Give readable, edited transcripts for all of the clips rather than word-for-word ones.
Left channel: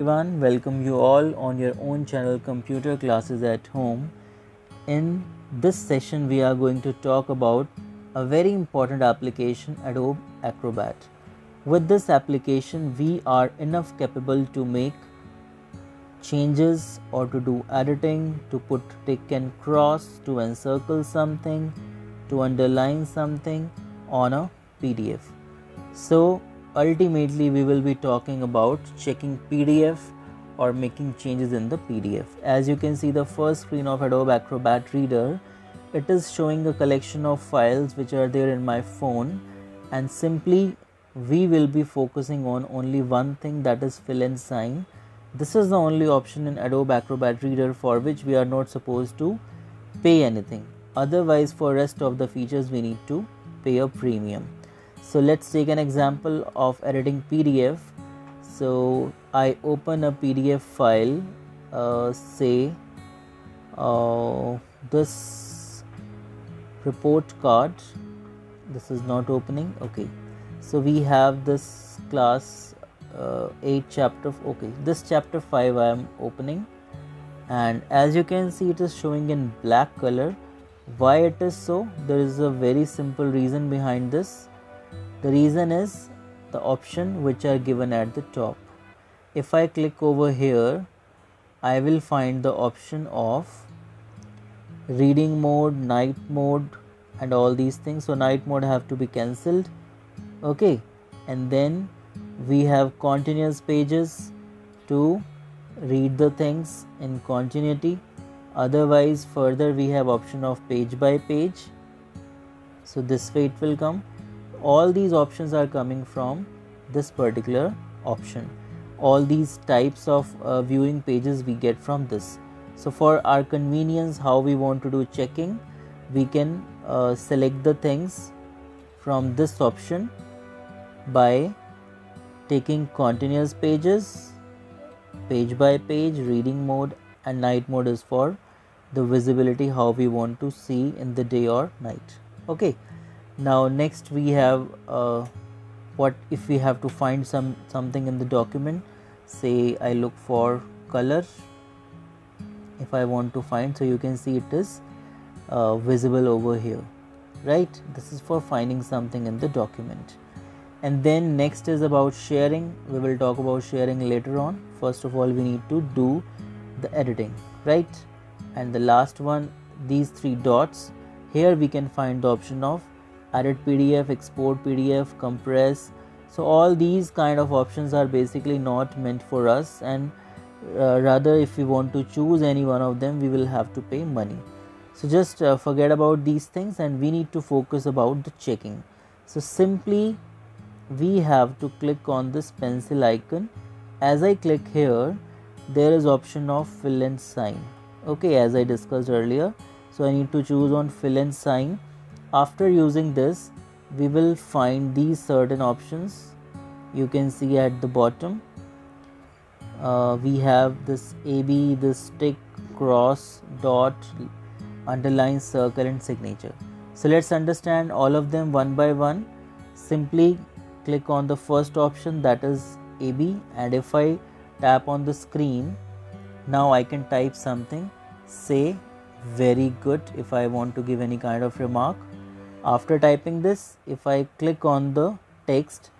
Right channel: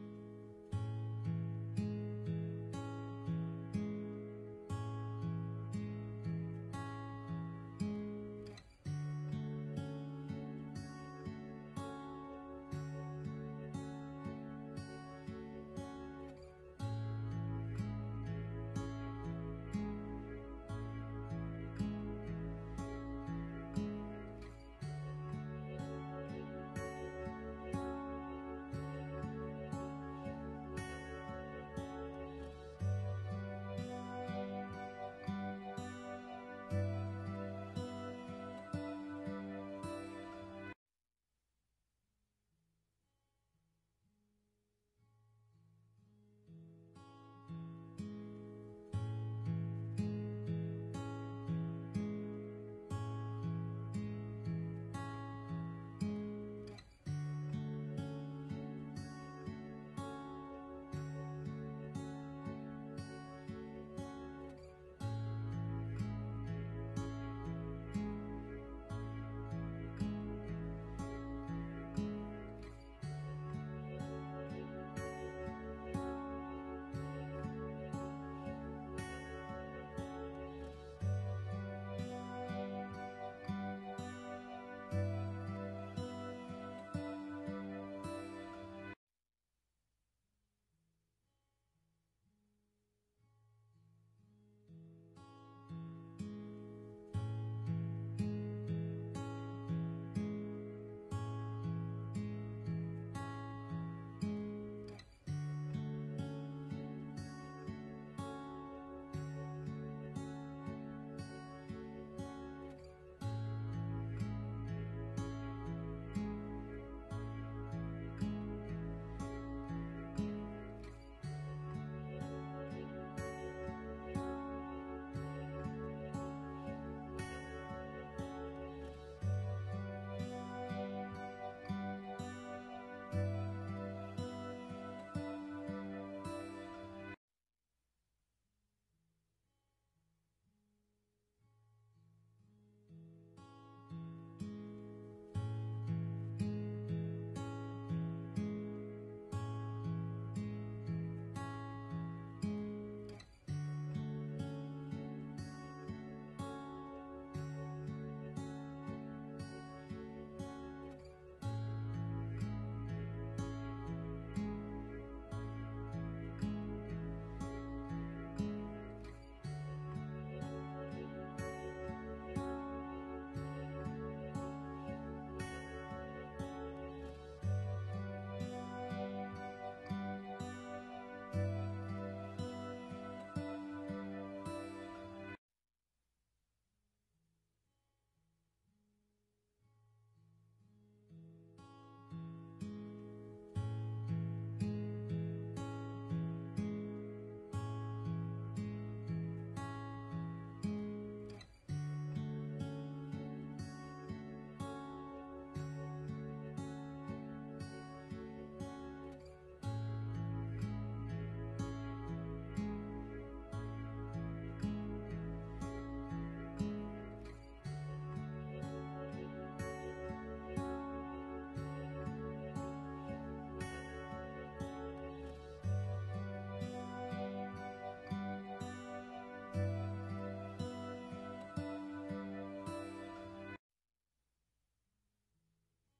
Everyone, welcome you all on your own channel Computer Classes at Home. In this session, we are going to talk about a very important application, Adobe Acrobat. With this application, we are enough capable to make changes or to do editing, to put tick and cross, to encircle something, to underline something on a PDF. So ultimately we will be talking about checking PDF or making changes in the PDF. As you can see the first screen of Adobe Acrobat Reader, it is showing a collection of files which are there in my phone, and simply we will be focusing on only one thing, that is fill and sign. This is the only option in Adobe Acrobat Reader for which we are not supposed to pay anything. Otherwise for rest of the features we need to pay a premium. So let's take an example of editing PDF. So I open a PDF file, say this report card. This is not opening. Okay, so we have this class 8 chapter. Okay, this chapter 5 I am opening, and as you can see it is showing in black color. Why it is so? There is a very simple reason behind this. The reason is the option which are given at the top. If I click over here, I will find the option of reading mode, night mode and all these things. So night mode have to be cancelled. Okay, and then we have continuous pages to read the things in continuity. Otherwise further we have option of page by page. So this way it will come. All these options are coming from this particular option. All these types of viewing pages we get from this. So for our convenience, how we want to do checking, we can select the things from this option by taking continuous pages, page by page, reading mode, and night mode is for the visibility, how we want to see in the day or night. Okay. Now next we have what if we have to find something in the document. Say I look for color. If I want to find, so you can see it is visible over here, right? This is for finding something in the document. And then next is about sharing. We will talk about sharing later on. First of all we need to do the editing, right? And the last one, these three dots, here we can find the option of edit PDF, export PDF, compress. So all these kind of options are basically not meant for us, and rather if we want to choose any one of them we will have to pay money. So just forget about these things and we need to focus about the checking. So simply we have to click on this pencil icon. As I click here, there is option of fill and sign. Okay, as I discussed earlier, so I need to choose on fill and sign. After using this, we will find these certain options. You can see at the bottom we have this AB, this tick, cross, dot, underline, circle and signature. So let's understand all of them one by one. Simply click on the first option, that is AB, and if I tap on the screen, now I can type something, say very good, if I want to give any kind of remark. After typing this, if I click on the text,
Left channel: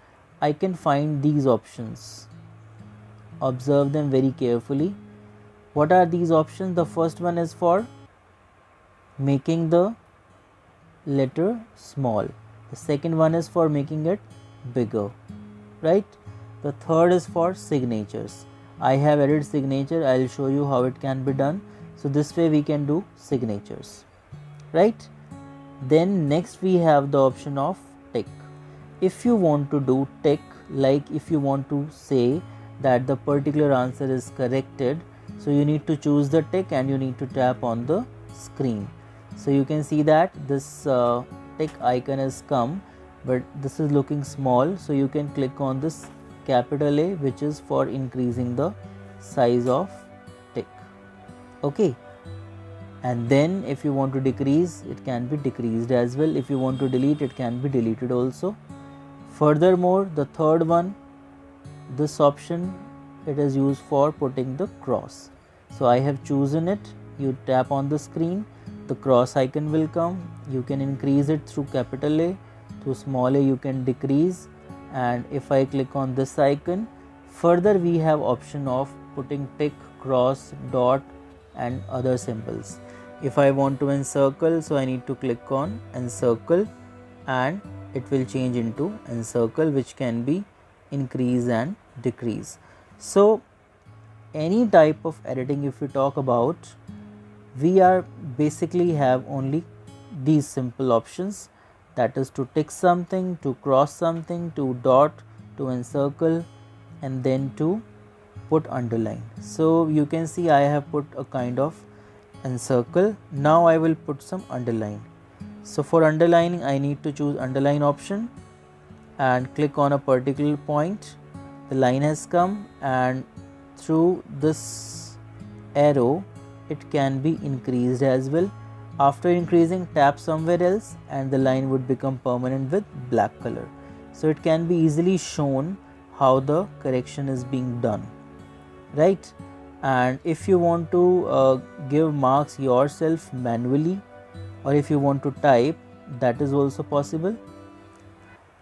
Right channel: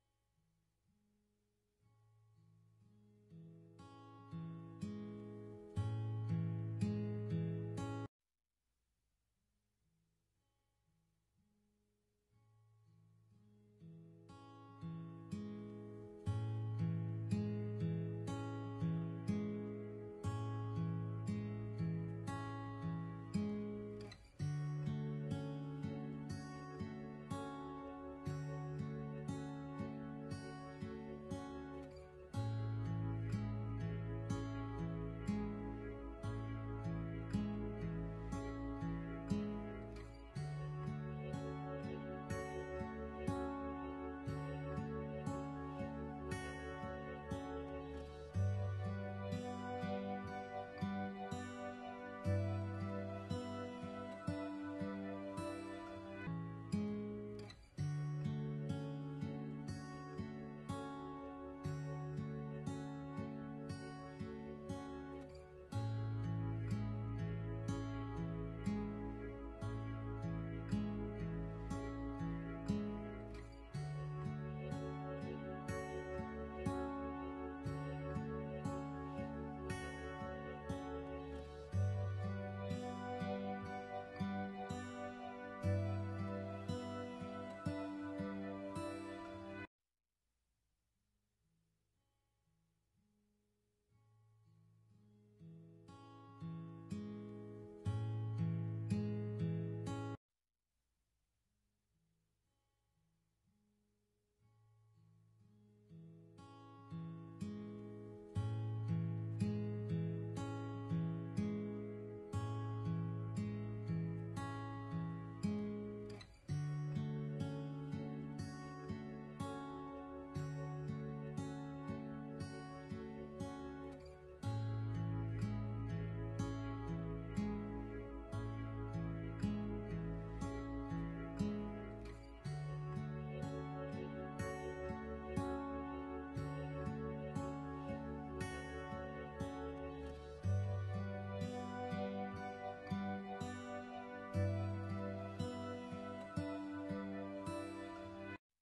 I can find these options. Observe them very carefully. What are these options? The first one is for making the letter small. The second one is for making it bigger, right? The third is for signatures. I have added signature. I will show you how it can be done. So this way we can do signatures, right? Then next we have the option of tick. If you want to do tick, like if you want to say that the particular answer is corrected, so you need to choose the tick and you need to tap on the screen. So you can see that this tick icon has come, but this is looking small, so you can click on this capital A, which is for increasing the size of tick. Okay, and then if you want to decrease, it can be decreased as well. If you want to delete, it can be deleted also. Furthermore, the third one, this option it is used for putting the cross. So I have chosen it. You tap on the screen, the cross icon will come. You can increase it through capital A, through small a you can decrease, and if I click on this icon, further we have option of putting tick, cross, dot and other symbols. If I want to encircle, so I need to click on encircle and it will change into encircle, which can be increase and decrease. So any type of editing if we talk about, we are basically have only these simple options, that is to tick something, to cross something, to dot, to encircle and then to put underline. So you can see I have put a kind of encircle. Now I will put some underline. So for underlining I need to choose underline option and click on a particular point. The line has come and through this arrow it can be increased as well. After increasing, tap somewhere else and the line would become permanent with black color. So it can be easily shown how the correction is being done, right? And if you want to give marks yourself manually, or if you want to type, that is also possible.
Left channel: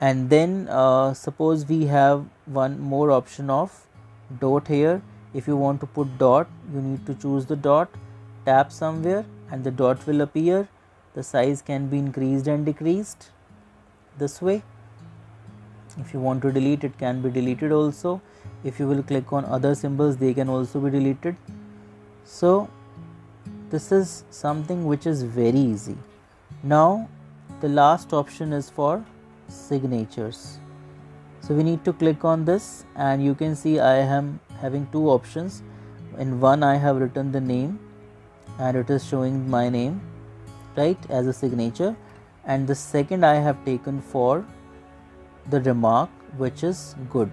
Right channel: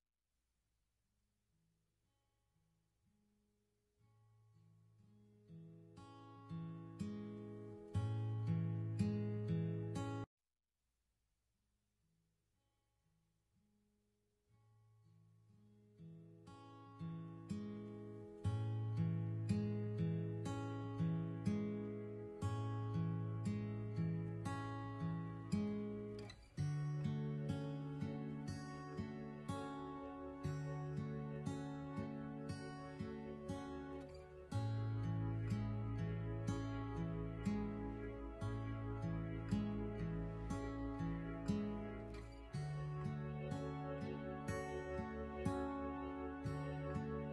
And then suppose we have one more option of dot here. If you want to put dot, you need to choose the dot, tap somewhere and the dot will appear. The size can be increased and decreased this way. If you want to delete, it can be deleted also. If you will click on other symbols, they can also be deleted. So this is something which is very easy. Now the last option is for signatures. So we need to click on this and you can see I am having two options. In one I have written the name and it is showing my name, right, as a signature, and the second I have taken for the remark, which is good.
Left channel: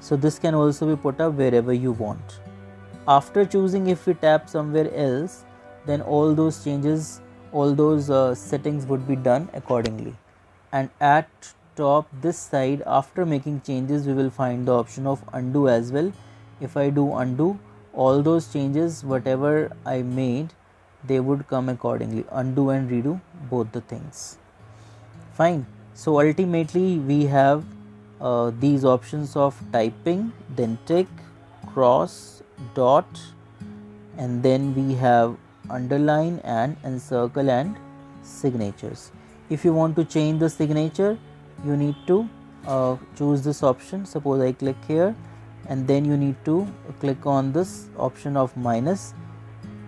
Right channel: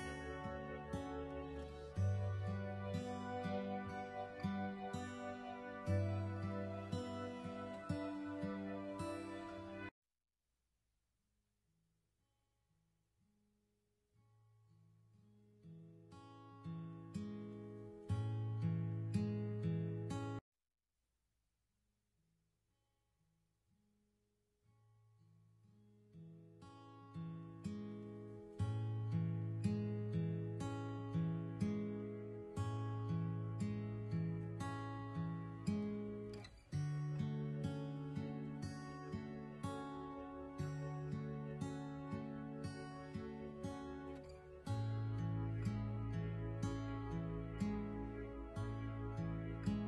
So this can also be put up wherever you want. After choosing, if we tap somewhere else, then all those changes, all those settings would be done accordingly. And at top this side, after making changes, we will find the option of undo as well. If I do undo, all those changes whatever I made, they would come accordingly. Undo and redo, both the things. Fine. So ultimately we have these options of typing, then tick, cross, dot, and then we have underline and encircle and signatures. If you want to change the signature, you need to choose this option. Suppose I click here and then you need to click on this option of minus,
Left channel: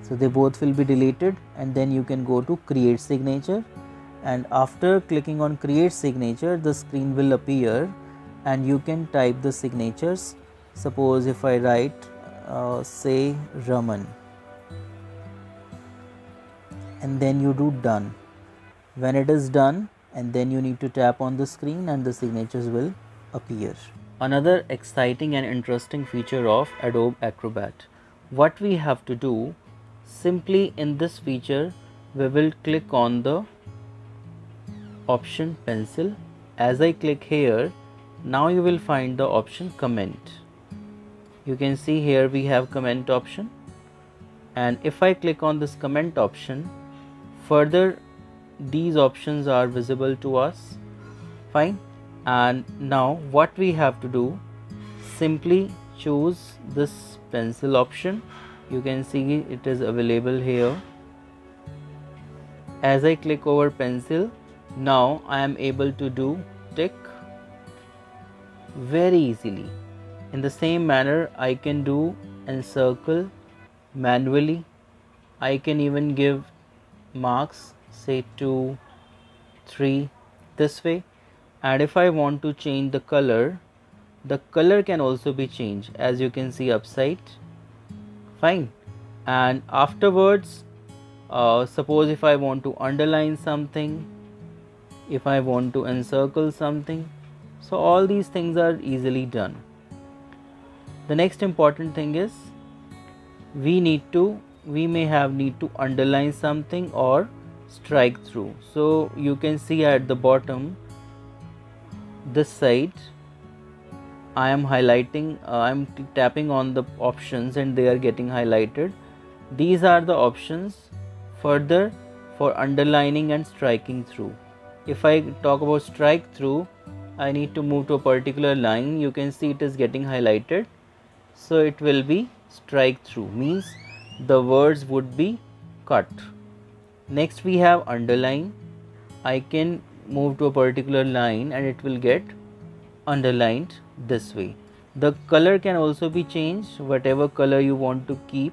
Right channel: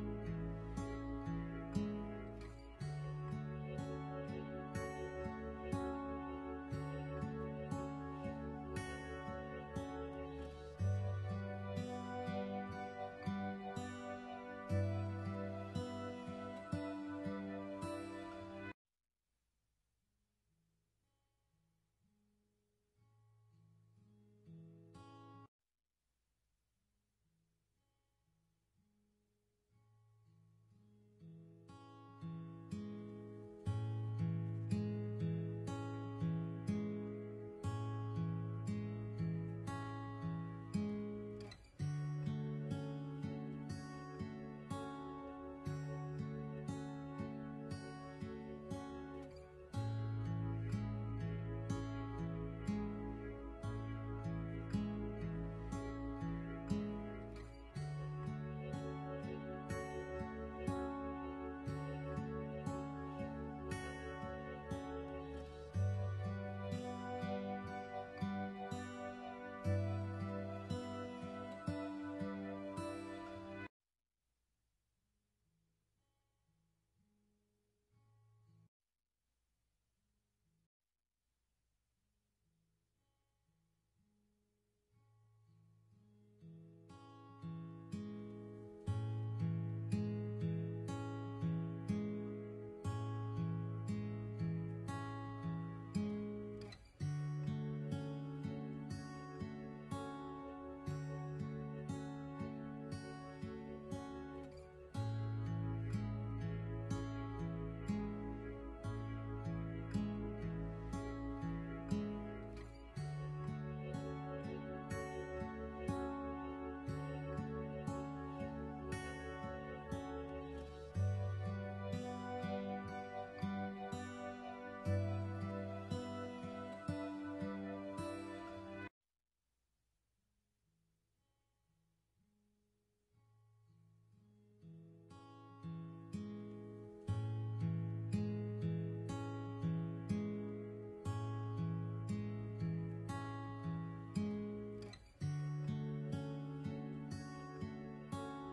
so they both will be deleted, and then you can go to create signature, and after clicking on create signature the screen will appear and you can type the signatures. Suppose if I write say Raman and then you do done. When it is done, and then you need to tap on the screen and the signatures will appear. Another exciting and interesting feature of Adobe Acrobat. What we have to do, simply in this feature we will click on the option pencil. As I click here, now you will find the option comment. You can see here we have comment option, and if I click on this comment option, further these options are visible to us. Fine. And now what we have to do, simply choose this pencil option. You can see it is available here. As I click over pencil, now I am able to do tick very easily. In the same manner I can do encircle manually. I can even give marks, say 2, 3 this way. And if I want to change the color can also be changed, as you can see upside. Fine. And afterwards, suppose if I want to underline something, if I want to encircle something, so all these things are easily done. The next important thing is we may need to underline something or strike through. So you can see at the bottom this side I am highlighting, I'm tapping on the options and they are getting highlighted. These are the options further for underlining and striking through. If I talk about strike through, I need to move to a particular line. You can see it is getting highlighted. So it will be strike through, means the words would be cut. Next we have underline. I can move to a particular line and it will get underlined this way. The color can also be changed, whatever color you want to keep,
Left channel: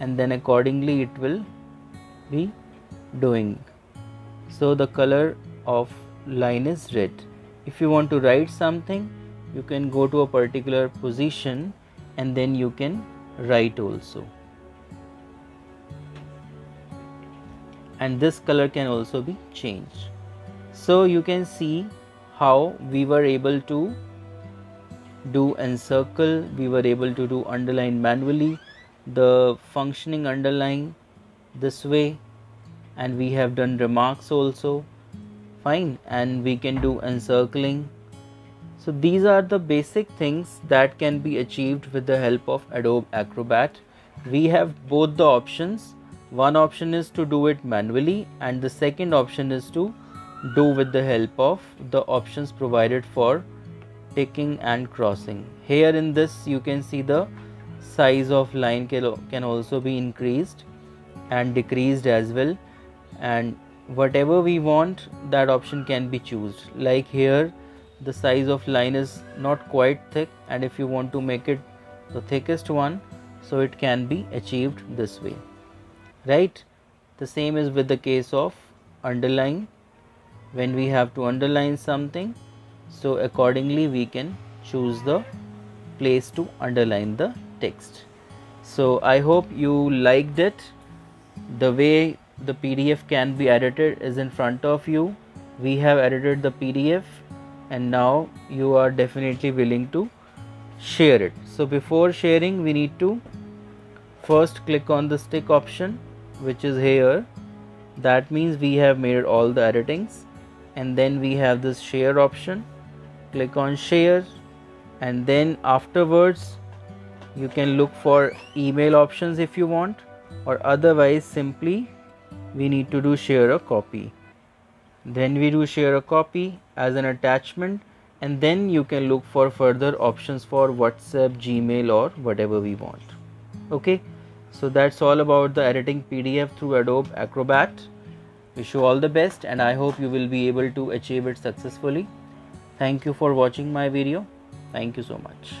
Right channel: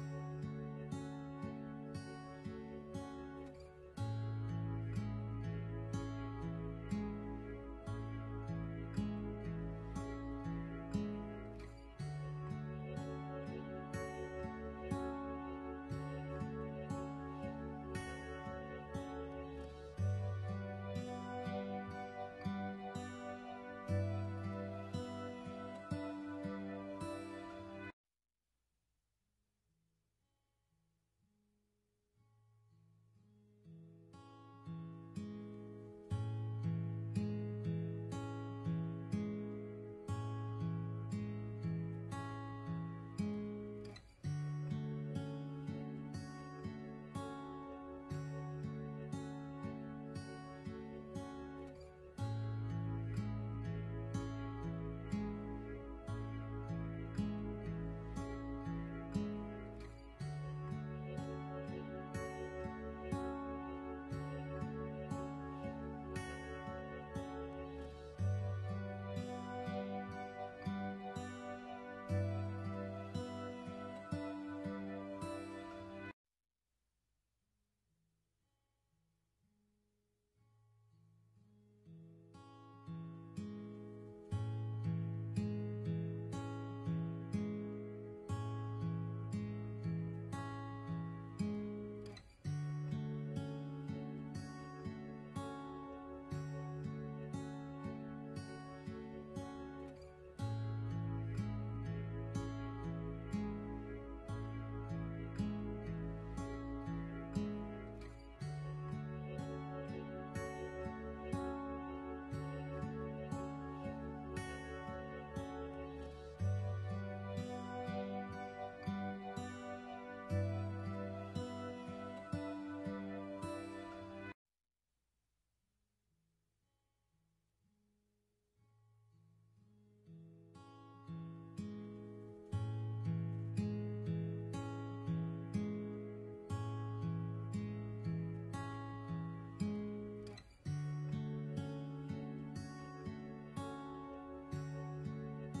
and then accordingly it will be doing. So the color of line is red. If you want to write something, you can go to a particular position and then you can write also. And this color can also be changed. So you can see how we were able to do encircle, we were able to do underline manually, the functioning underline this way, and we have done remarks also. Fine, and we can do encircling. So these are the basic things that can be achieved with the help of Adobe Acrobat. We have both the options. One option is to do it manually and the second option is to do with the help of the options provided for ticking and crossing. Here in this you can see the size of line can also be increased and decreased as well, and whatever we want, that option can be chosen. Like here the size of line is not quite thick, and if you want to make it the thickest one, so it can be achieved this way, right? The same is with the case of underline. When we have to underline something, so accordingly we can choose the place to underline the text. So I hope you liked it. The way the PDF can be edited is in front of you. We have edited the PDF and now you are definitely willing to share it. So before sharing, we need to first click on the stick option, which is here. That means we have made all the editings, and then we have this share option. Click on share, and then afterwards you can look for email options if you want, or otherwise simply we need to do share a copy. Then we do share a copy as an attachment, and then you can look for further options for WhatsApp, Gmail, or whatever we want. Okay, so that's all about the editing PDF through Adobe Acrobat. Wish you all the best and I hope you will be able to achieve it successfully. Thank you for watching my video. Thank you so much.